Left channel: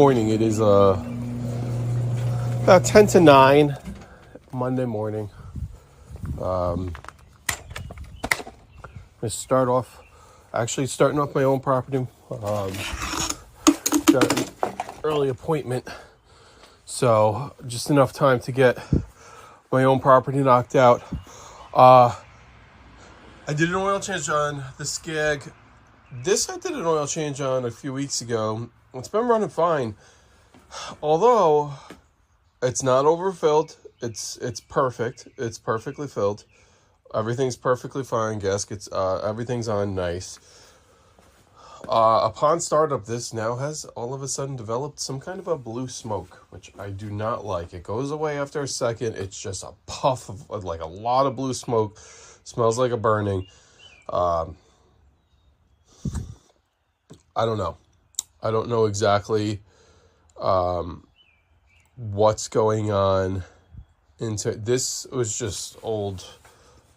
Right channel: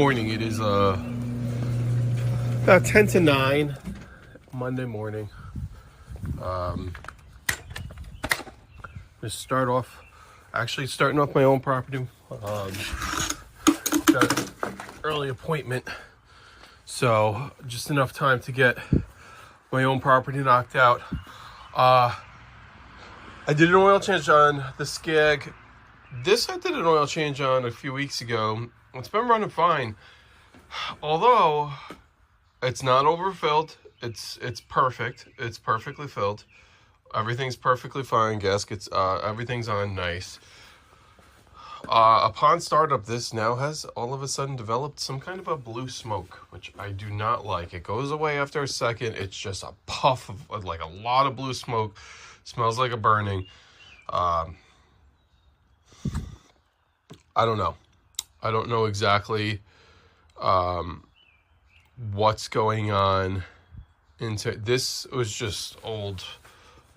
morning. It is about 10 to 9 Monday morning. Let's start off, actually starting off my own property. Got an early appointment, so just enough time to get my own property knocked out. I did an oil change on the Skag. This I did an oil change on a few weeks ago. It's been running fine, although it's not overfilled. It's perfect. It's perfectly filled. Everything's perfectly fine. Gaskets, everything's on nice. Upon startup, this now has all of a sudden developed some kind of a blue smoke, which I do not like. It goes away after a second. It's just a puff of like a lot of blue smoke. Smells like a burning. I don't know. I don't know exactly what's going on. Into this was just old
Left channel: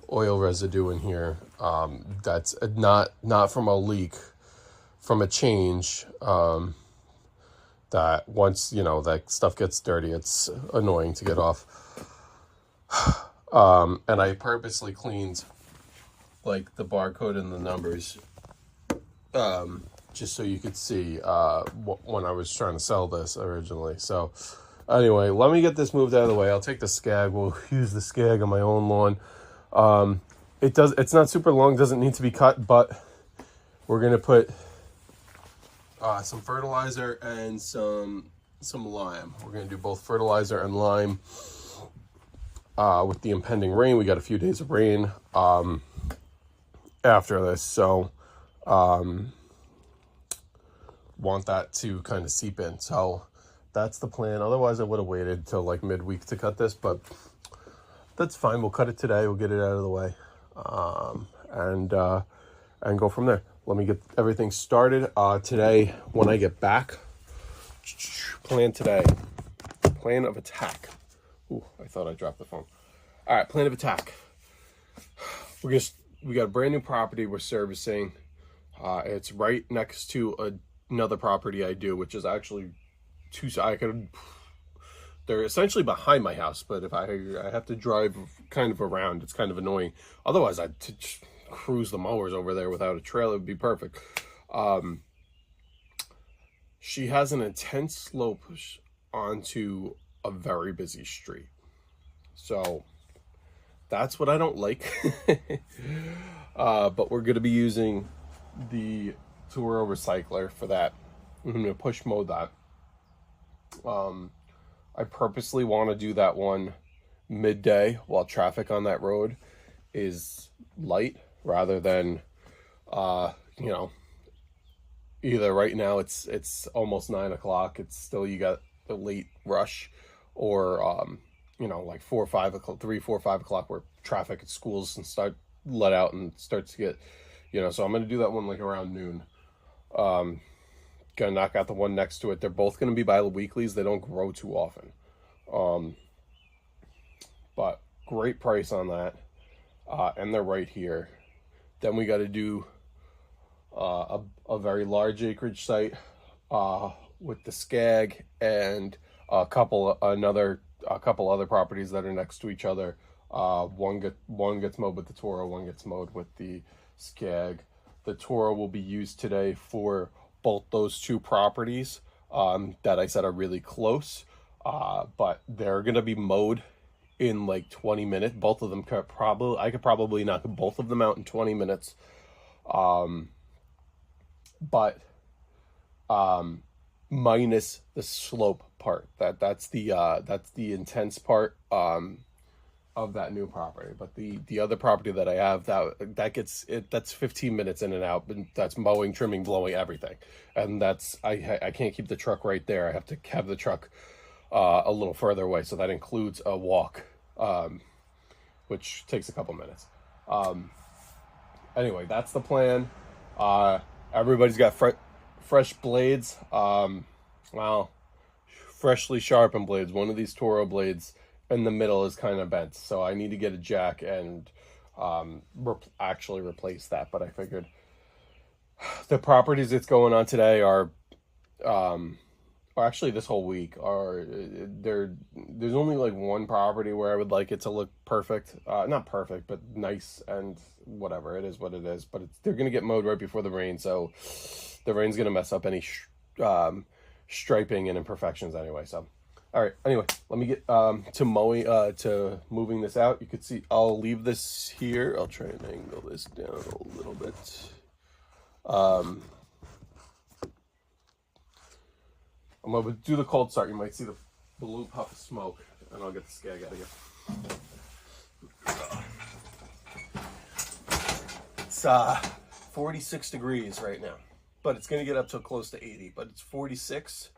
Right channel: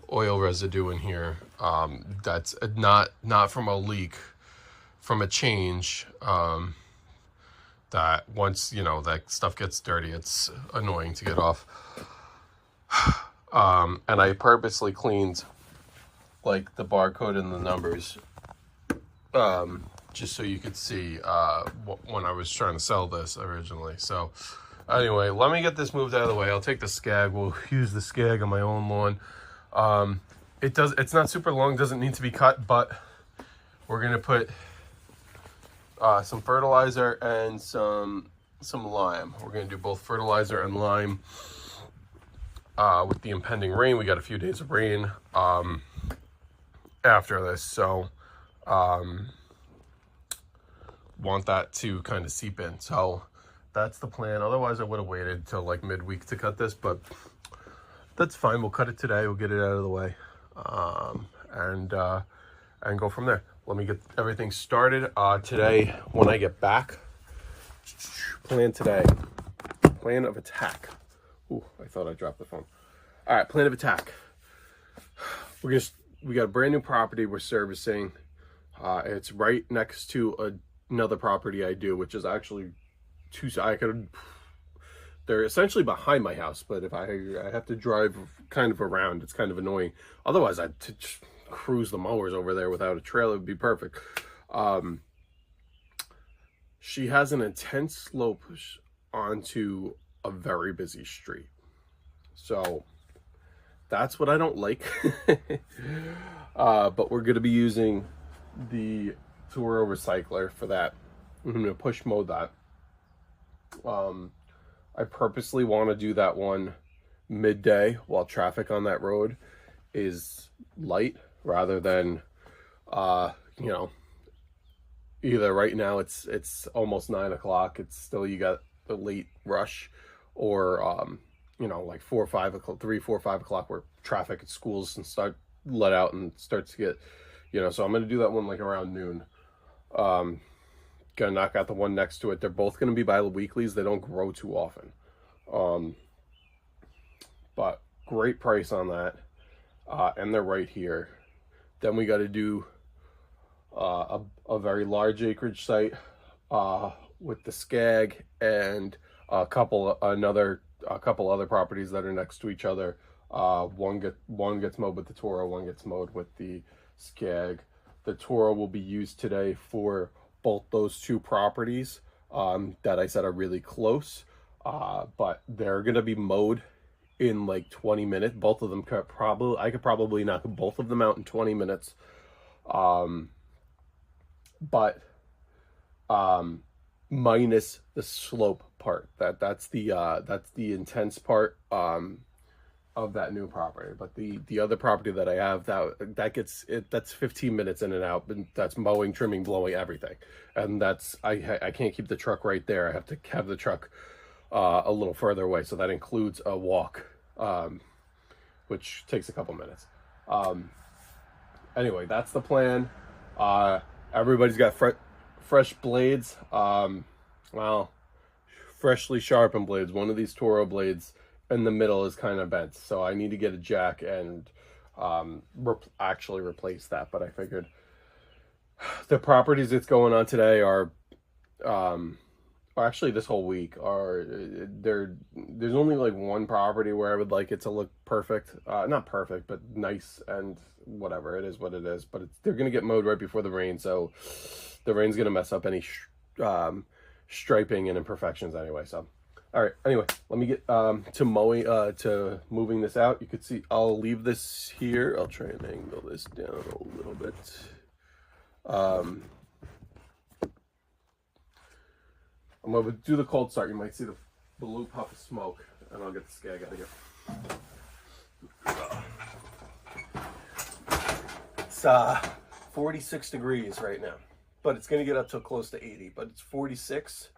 oil residue in here. That's not from a leak, from a change. That once that stuff gets dirty, it's annoying to get off. And I purposely cleaned like the barcode and the numbers, just so you could see when I was trying to sell this originally. So anyway, let me get this moved out of the way. I'll take the Skag. We'll use the Skag on my own lawn. It's not super long, doesn't need to be cut, but we're gonna put some fertilizer and some lime. We're gonna do both fertilizer and lime. With the impending rain, we got a few days of rain after this, so want that to kind of seep in. So that's the plan. Otherwise I would have waited till like midweek to cut this, but that's fine. We'll cut it today. We'll get it out of the way, and go from there. Let me get everything started. Today, when I get back, plan of attack. Ooh, I thought I dropped the phone. All right, plan of attack. We got a brand new property we're servicing. It's right next to another property I do, which is actually they're essentially behind my house, but if I have to drive kind of around, it's kind of annoying. Otherwise, I'd just cruise the mowers over there without a trailer. It would be perfect. She has an intense slope onto a very busy street, so that's what I don't like. But we're going to be using the Toro recycler for that. I'm going to push mode that. I purposely want to do that one midday while traffic on that road is light, rather than either right now it's almost 9 o'clock, it's still, you got the late rush, or like 4 or 5 o'clock, 3, 4, 5 o'clock, where traffic at schools and start let out and starts to get, so I'm going to do that one like around noon. Gonna knock out the one next to it. They're both going to be bi-weeklies. They don't grow too often. But great price on that. And they're right here. Then we got to do a very large acreage site with the Skag, and a couple other properties that are next to each other. One gets mowed with the Toro, one gets mowed with the Skag. The Toro will be used today for both those two properties that I said are really close, but they're gonna be mowed in like 20 minutes. Both of them I could probably knock both of them out in 20 minutes. But minus the slope part. That's the intense part of that new property. But the other property that I have, that's 15 minutes in and out, and that's mowing, trimming, blowing, everything. And that's I can't keep the truck right there. I have to have the truck a little further away, so that includes a walk, which takes a couple minutes. Anyway, that's the plan. Everybody's got fresh blades. Well, freshly sharpened blades. One of these Toro blades in the middle is kind of bent, so I need to get a jack and actually replace that. But I figured the properties that's going on today are or actually this whole week, are there's only like one property where I would like it to look perfect. Not perfect, but nice, and whatever, it is what it is. But they're going to get mowed right before the rain, so the rain's going to mess up any striping and imperfections anyway. So all right, anyway, let me get to moving this out. You could see I'll leave this here. I'll try and angle this down a little bit. I'm going to do the cold start. You might see the blue puff of smoke, and I'll get the Skag out of here. It's 46 degrees right now, but it's going to get up to close to 80, but it's 46.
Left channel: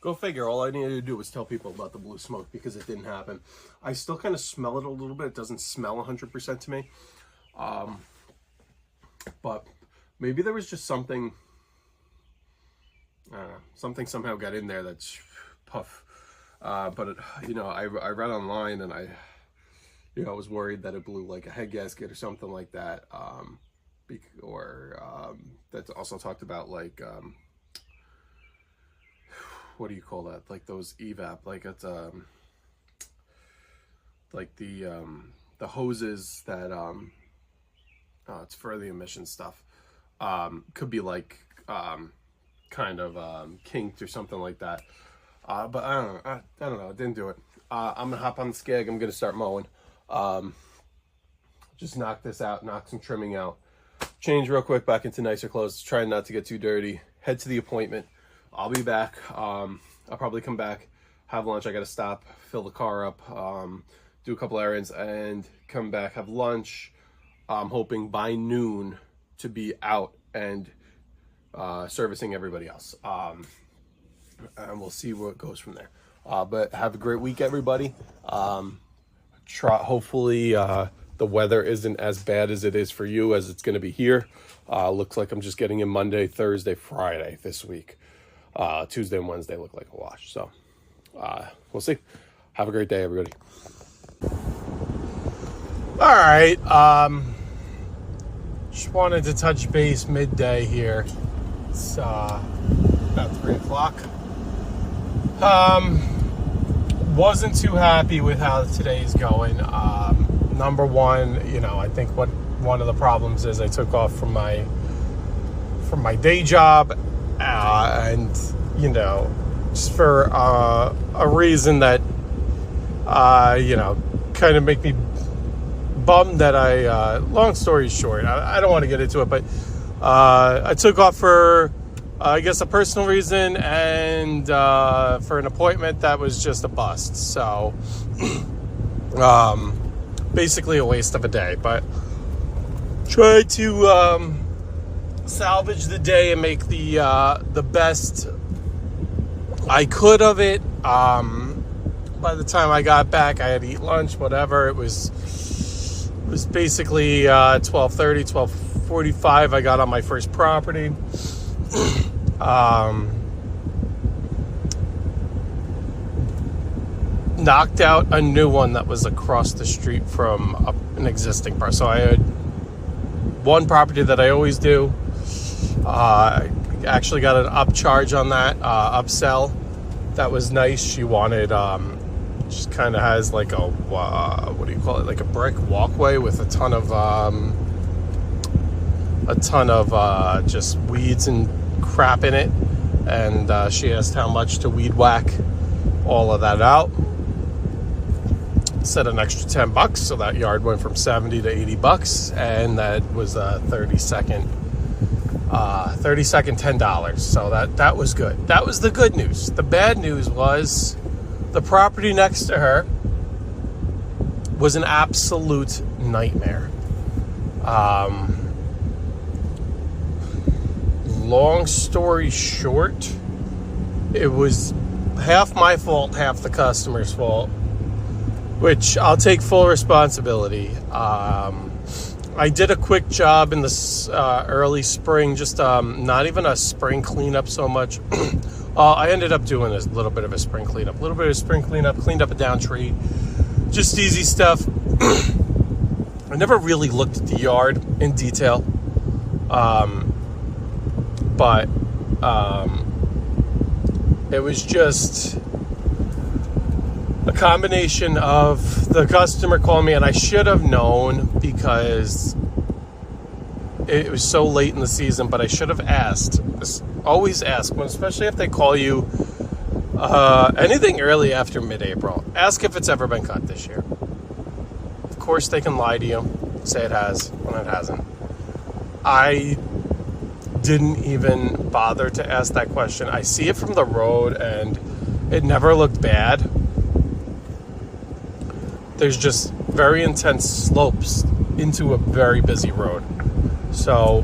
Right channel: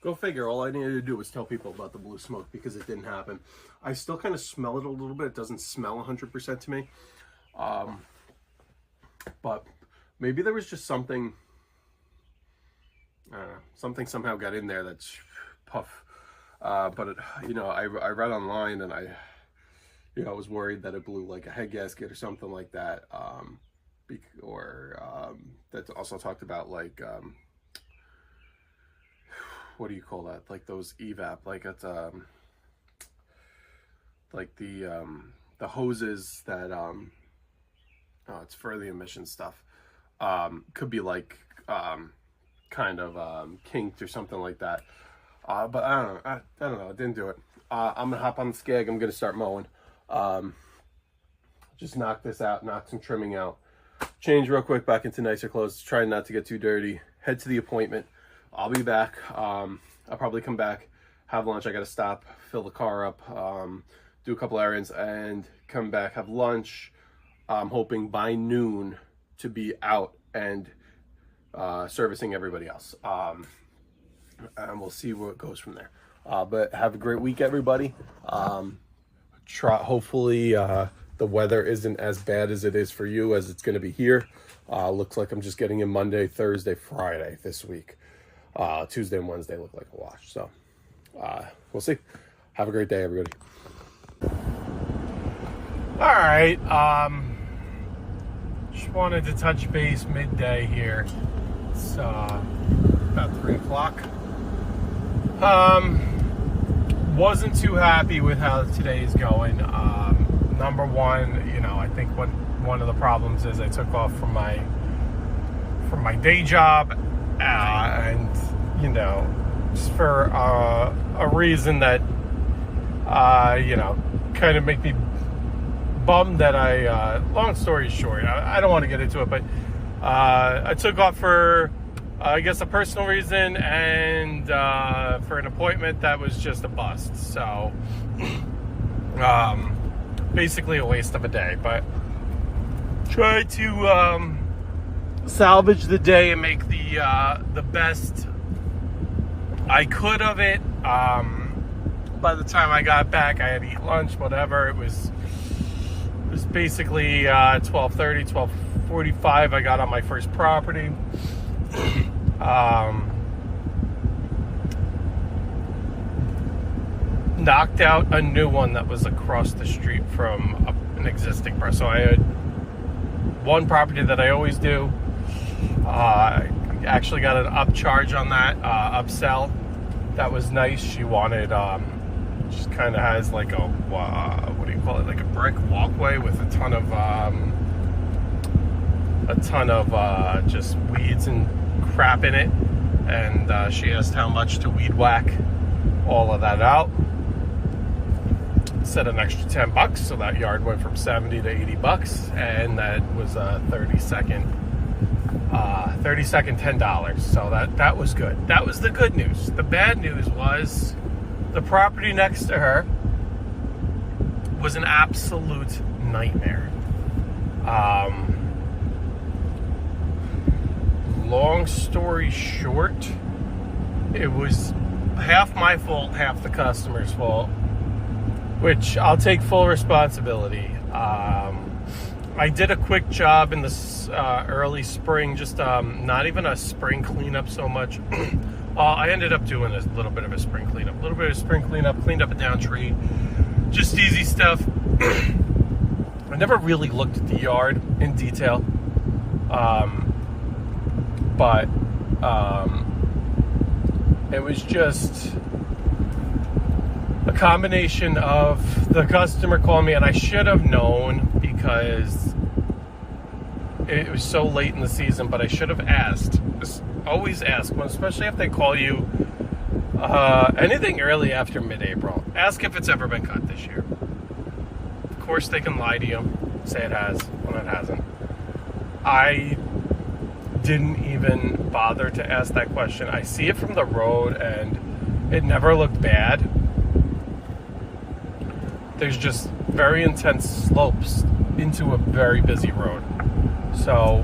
Go figure. All I needed to do was tell people about the blue smoke because it didn't happen. I still kind of smell it a little bit. It doesn't smell 100% to me. But maybe there was just something, something somehow got in there that's puff. But it, I read online, and I was worried that it blew like a head gasket or something like that. That's also talked about like, what do you call that? Like those evap, like it's like the hoses that it's for the emission stuff. Could be like kind of kinked or something like that. But I don't know. I don't know. I didn't do it. I'm gonna hop on the Skag. I'm gonna start mowing. Just knock this out, knock some trimming out, change real quick back into nicer clothes, try not to get too dirty, head to the appointment. I'll be back. I'll probably come back, have lunch. I got to stop, fill the car up, do a couple errands, and come back, have lunch. I'm hoping by noon to be out and servicing everybody else. And we'll see where it goes from there. But have a great week, everybody. Hopefully the weather isn't as bad as it is for you as it's going to be here. Looks like I'm just getting in Monday, Thursday, Friday this week. Tuesday and Wednesday look like a wash. So we'll see. Have a great day, everybody. All right. Just wanted to touch base midday here. It's about 3 o'clock. Wasn't too happy with how today's going. Number one, I think one of the problems is I took off from my day job. And just for a reason that kind of make me bummed that long story short, I don't want to get into it, but I took off for I guess a personal reason and for an appointment that was just a bust. So basically a waste of a day, but try to salvage the day and make the best I could of it. By the time I got back, I had to eat lunch, whatever. It was basically 12:30, 12:45. I got on my first property. Knocked out a new one that was across the street from an existing person. So I had one property that I always do. Actually got an upcharge on that, upsell. That was nice. She wanted, just kind of has like a, what do you call it? Like a brick walkway with a ton of just weeds and crap in it. And she asked how much to weed whack all of that out. Said an extra $10, so that yard went from 70 to 80 bucks, and that was a 30-second $10. So that was good. That was the good news. The bad news was the property next to her was an absolute nightmare. Long story short, it was half my fault, half the customer's fault, which I'll take full responsibility. I did a quick job in this early spring, just not even a spring cleanup so much. I ended up doing a little bit of a spring cleanup, cleaned up a down tree, just easy stuff. I never really looked at the yard in detail, but it was just a combination of the customer called me, and I should have known because it was so late in the season, but I should have asked. Always ask, especially if they call you anything early after mid-April. Ask if it's ever been cut this year. Of course, they can lie to you, say it has when it hasn't. I didn't even bother to ask that question. I see it from the road, and it never looked bad. There's just very intense slopes into a very busy road. So,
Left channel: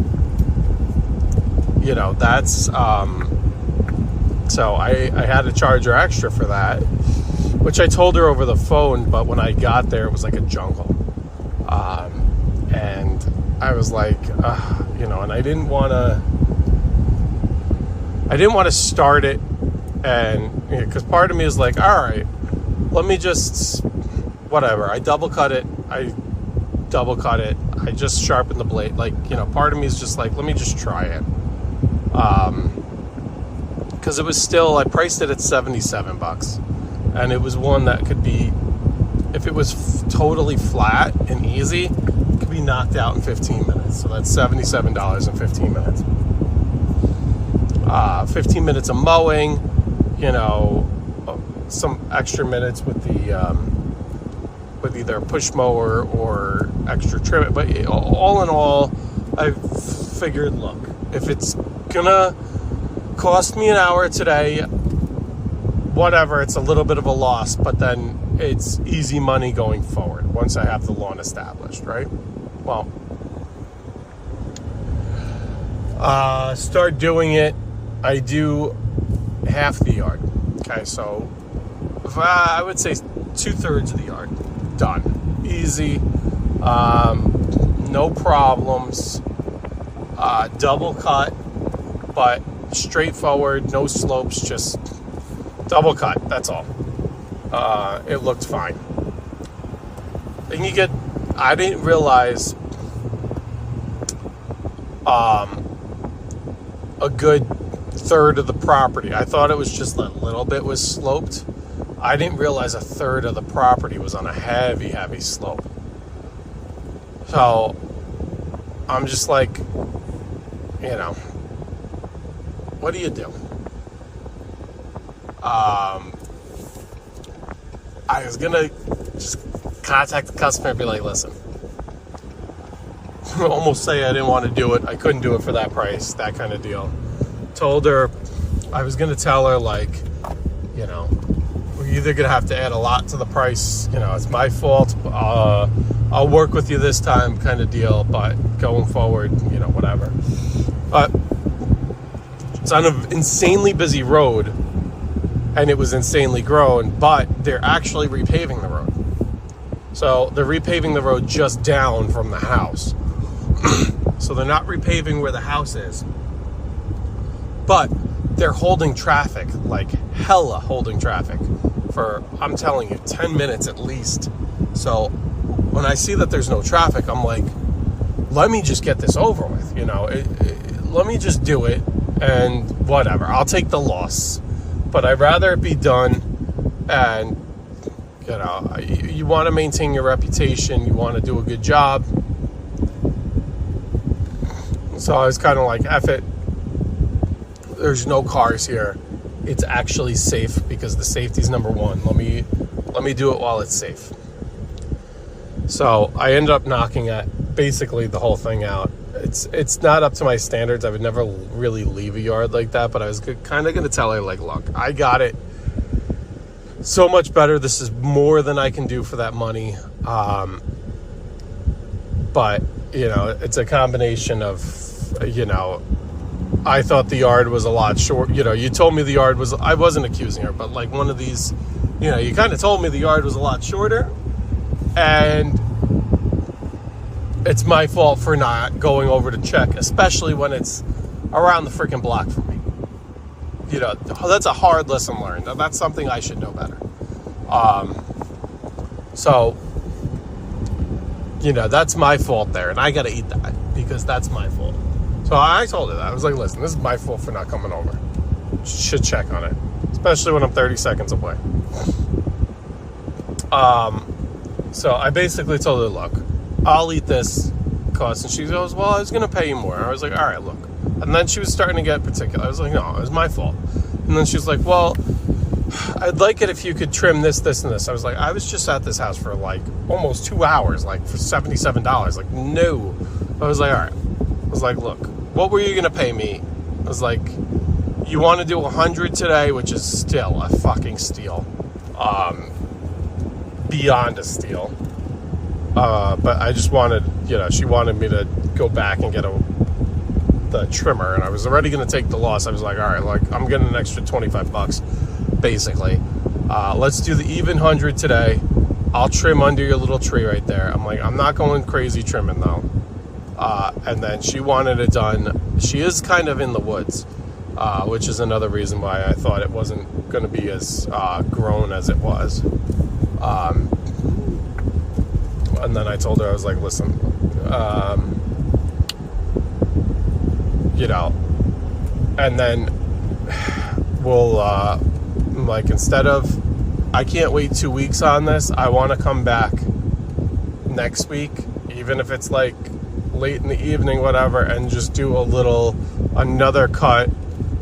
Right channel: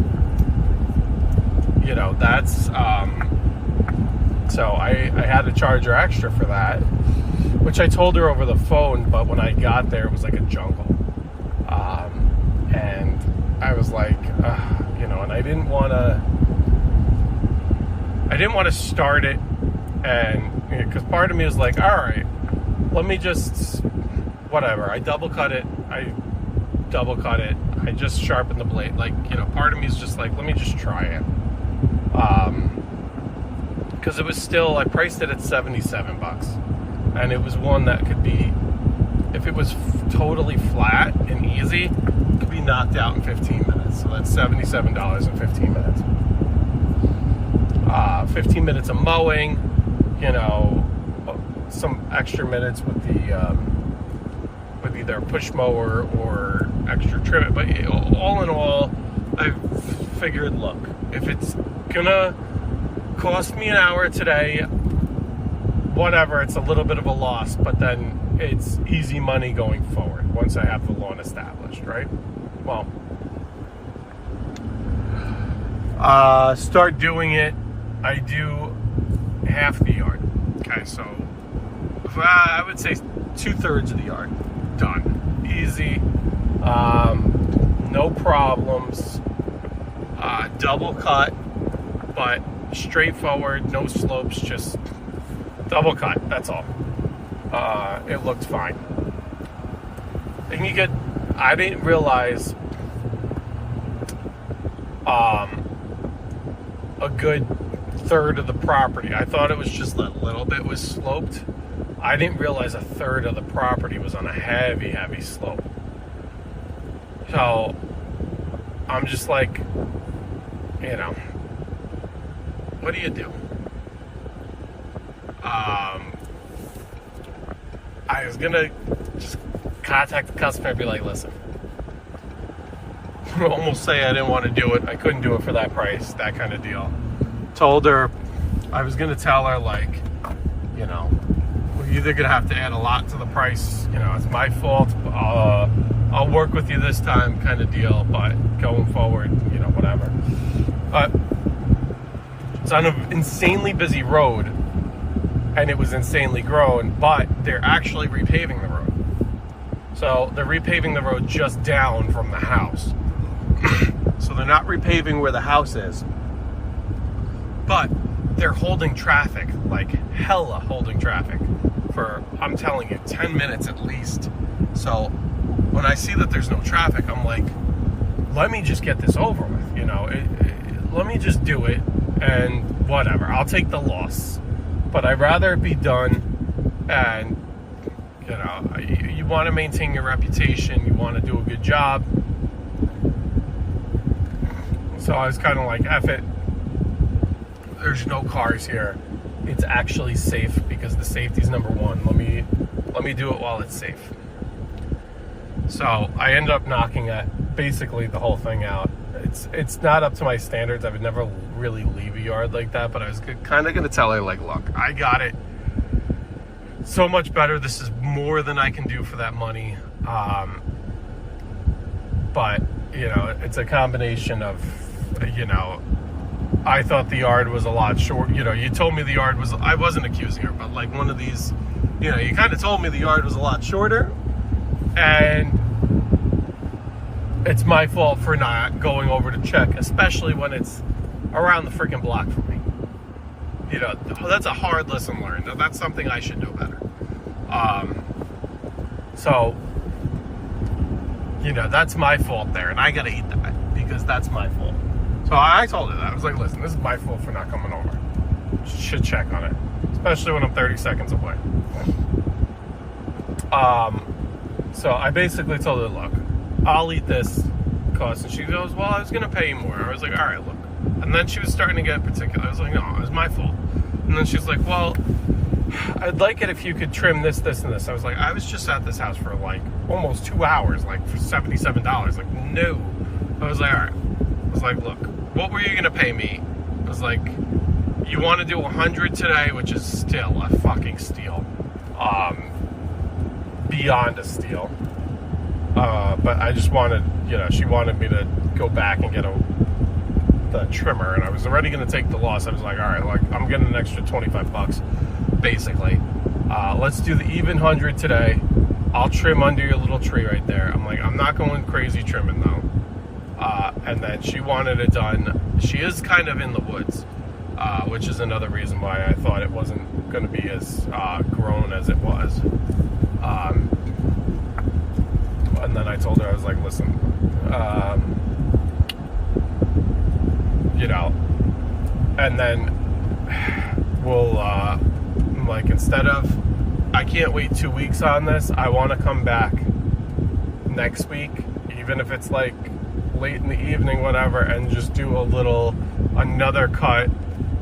you know, that's, so I had to charge her extra for that, which I told her over the phone, but when I got there, it was like a jungle. And I was like, you know, and I didn't want to start it, and, because part of me is like, all right, let me just, whatever, I double cut it, I just sharpened the blade, like, you know, part of me is just like, let me just try it, because it was still, I priced it at $77, and it was one that could be, if it was totally flat and easy, it could be knocked out in 15 minutes, so that's $77 in 15 minutes. 15 minutes of mowing, you know, some extra minutes with the with either push mower or extra trim. But all in all, I figured, look, if it's gonna cost me an hour today, whatever, it's a little bit of a loss, but then it's easy money going forward once I have the lawn established, right? Well, start doing it. I do half the yard. Okay, so I would say 2/3 of the yard done. Easy, no problems. Double cut, but straightforward, no slopes, just double cut. That's all. It looked fine. Then you get, I didn't realize a good third of the property. I thought it was just a little bit was sloped. I didn't realize a third of the property was on a heavy slope. So I'm just like, you know, what do you do? I was gonna just contact the customer and be like, listen, almost say I didn't want to do it. I couldn't do it for that price, that kind of deal. Told her, I was gonna tell her, like, you know, we're either gonna have to add a lot to the price, you know, it's my fault, I'll work with you this time kind of deal, but going forward, you know, whatever. But it's on an insanely busy road, and it was insanely grown, but they're actually repaving the road. So they're repaving the road just down from the house. So they're not repaving where the house is, but they're holding traffic, like hella holding traffic for, I'm telling you, 10 minutes at least. So when I see that there's no traffic, I'm like, let me just get this over with, you know, let me just do it, and whatever, I'll take the loss, but I'd rather it be done. And, you know, you want to maintain your reputation, you want to do a good job. So I was kind of like, F it, there's no cars here, it's actually safe, because the safety's number one. Let me do it while it's safe. So I ended up knocking basically the whole thing out. It's not up to my standards. I would never really leave a yard like that, but I was kind of going to tell her, like, look, I got it so much better. This is more than I can do for that money. But, you know, it's a combination of, you know, I thought the yard was a lot short. You know, you told me the yard was, I wasn't accusing her, but like one of these, you know, you kind of told me the yard was a lot shorter, and it's my fault for not going over to check, especially when it's around the freaking block from me. You know, that's a hard lesson learned. That's something I should know better. So, you know, that's my fault there, and I gotta eat that because that's my fault. So I told her that. I was like, listen, this is my fault for not coming over. Should check on it, especially when I'm 30 seconds away. So I basically told her, look, I'll eat this cost. And she goes, well, I was going to pay you more. I was like, all right, look. And then she was starting to get particular. I was like, no, it was my fault. And then she was like, well, I'd like it if you could trim this, this, and this. I was like, I was just at this house for like almost 2 hours, like for $77. Like, no. I was like, all right. I was like, look, what were you going to pay me? I was like, you want to do 100 today, which is still a fucking steal. Beyond a steal. But I just wanted, you know, she wanted me to go back and get the trimmer, and I was already going to take the loss. I was like, all right, like, I'm getting an extra 25 bucks, basically. Let's do the even 100 today. I'll trim under your little tree right there. I'm like, I'm not going crazy trimming, though. And then she wanted it done. She is kind of in the woods, which is another reason why I thought it wasn't going to be as grown as it was. And then I told her, I was like, listen, you know, and then we'll, like, instead of, I can't wait 2 weeks on this, I want to come back next week, even if it's like late in the evening, whatever, and just do another cut,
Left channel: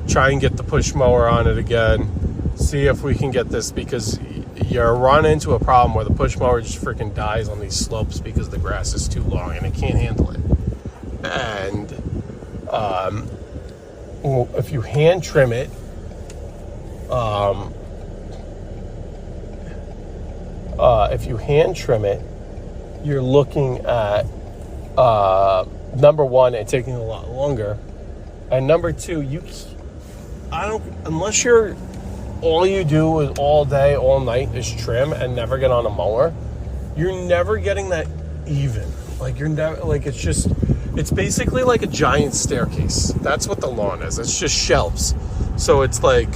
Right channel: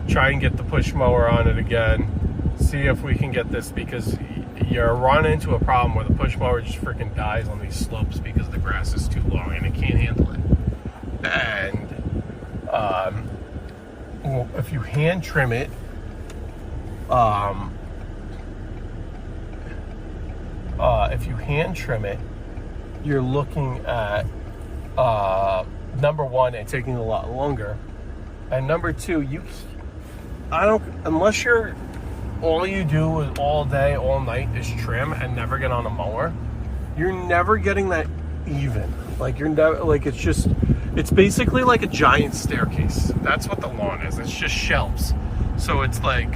try and get the push mower on it again, see if we can get this, because you run into a problem where the push mower just freaking dies on these slopes because the grass is too long and it can't handle it. And if you hand trim it, you're looking at number one, it taking a lot longer, and number two, unless you're all you do is all day, all night is trim and never get on a mower, you're never getting that even. Like, you're never, like, it's basically like a giant staircase. That's what the lawn is. It's just shelves. So it's like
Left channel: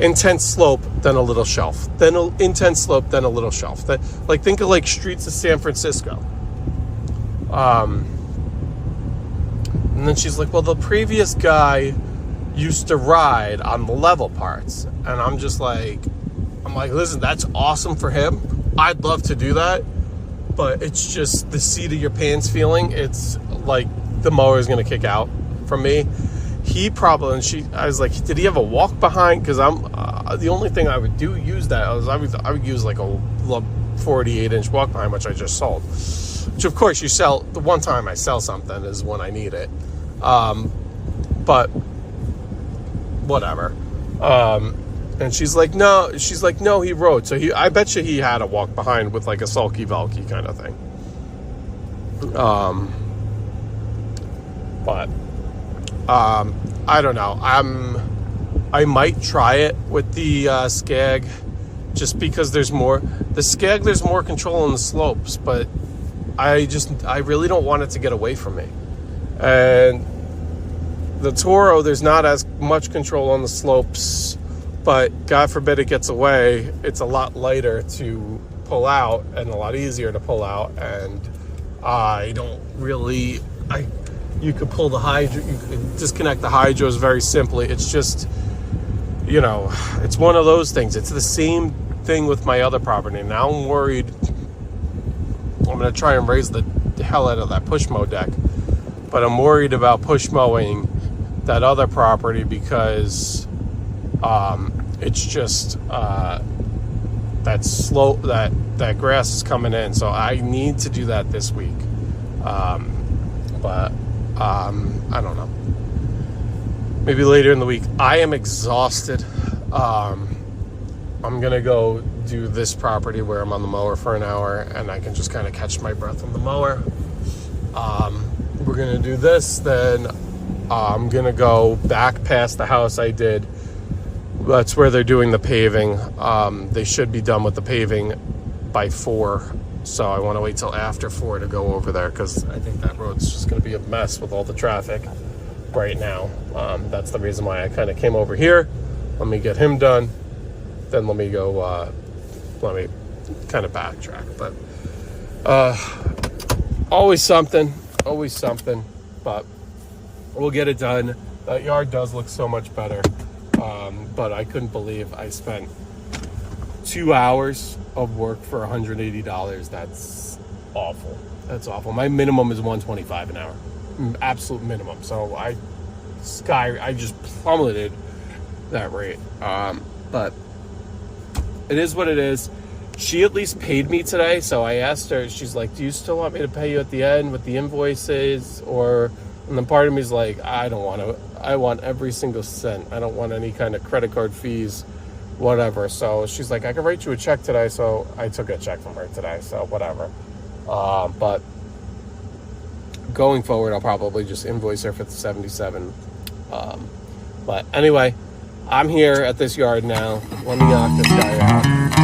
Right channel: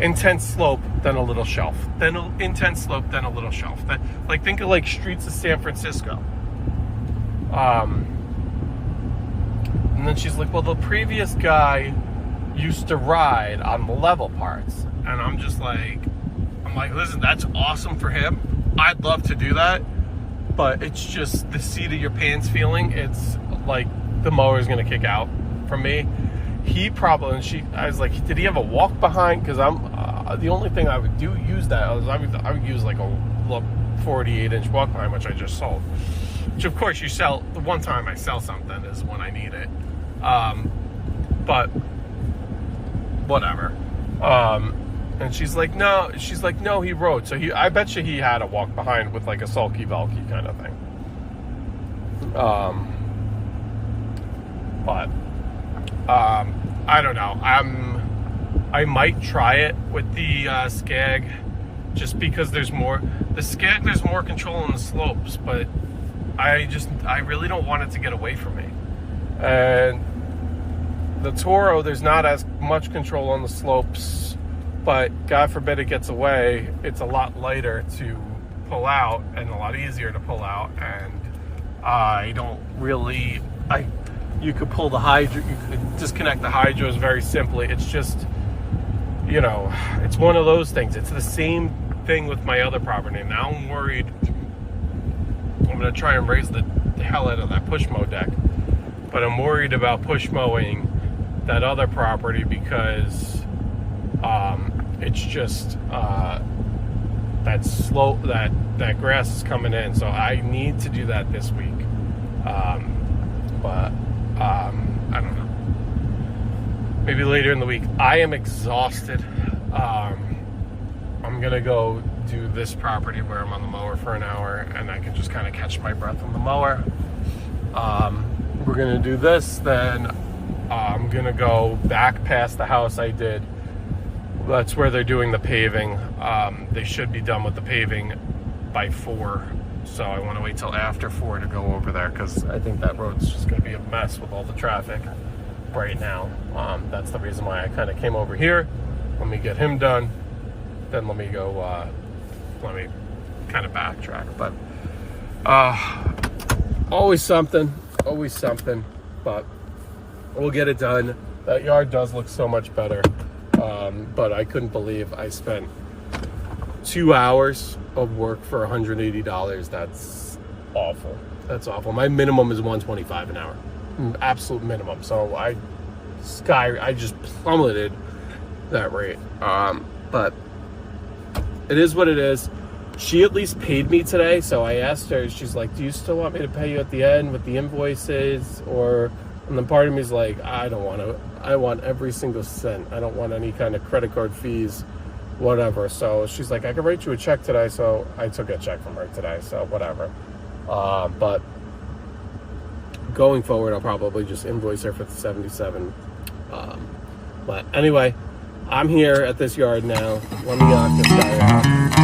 intense slope, then a little shelf, then an intense slope, then a little shelf. That, like, think of like streets of San Francisco. And then she's like, well, the previous guy used to ride on the level parts. And I'm like, listen, that's awesome for him. I'd love to do that, but it's just the seat of your pants feeling. It's like the mower is gonna kick out from me. I was like, did he have a walk behind? Because the only thing I would use that I would use like a 48-inch walk behind, which I just sold. Which of course you sell, the one time I sell something is when I need it. But whatever. And she's like, no, he rode. So I bet you he had a walk behind with like a sulky Velky kind of thing. But I don't know. I might try it with the Skag, just because there's more control on the slopes, but I really don't want it to get away from me. And the Toro, there's not as much control on the slopes, but God forbid it gets away, it's a lot lighter to pull out and a lot easier to pull out. And you could pull the hydro, you could disconnect the hydros very simply. It's just, you know, it's one of those things. It's the same thing with my other property. Now I'm worried. I'm going to try and raise the hell out of that push mow deck, but I'm worried about push mowing that other property because it's just that slope, that grass is coming in. So I need to do that this week. But I don't know. Maybe later in the week. I am exhausted. I'm gonna go do this property where I'm on the mower for an hour and I can just kind of catch my breath on the mower. We're gonna do this, then I'm gonna go back past the house I did. That's where they're doing the paving. They should be done with the paving by 4. So I want to wait till after 4 to go over there, because I think that road's just going to be a mess with all the traffic right now. That's the reason why I kind of came over here. Let me get him done, then let me go, let me kind of backtrack. But always something, but we'll get it done. That yard does look so much better, but I couldn't believe I spent 2 hours of work for $180. That's awful. That's awful. My minimum is $125 an hour, absolute minimum. So I just plummeted that rate. But it is what it is. She at least paid me today, so I asked her. She's like, "Do you still want me to pay you at the end with the invoices?" And then part of me is like, I don't want to. I want every single cent. I don't want any kind of credit card fees, whatever. So she's like, "I can write you a check today." So I took a check from her today. So whatever. But going forward, I'll probably just invoice her for the $77. But anyway, I'm here at this yard now. Let me knock this guy out.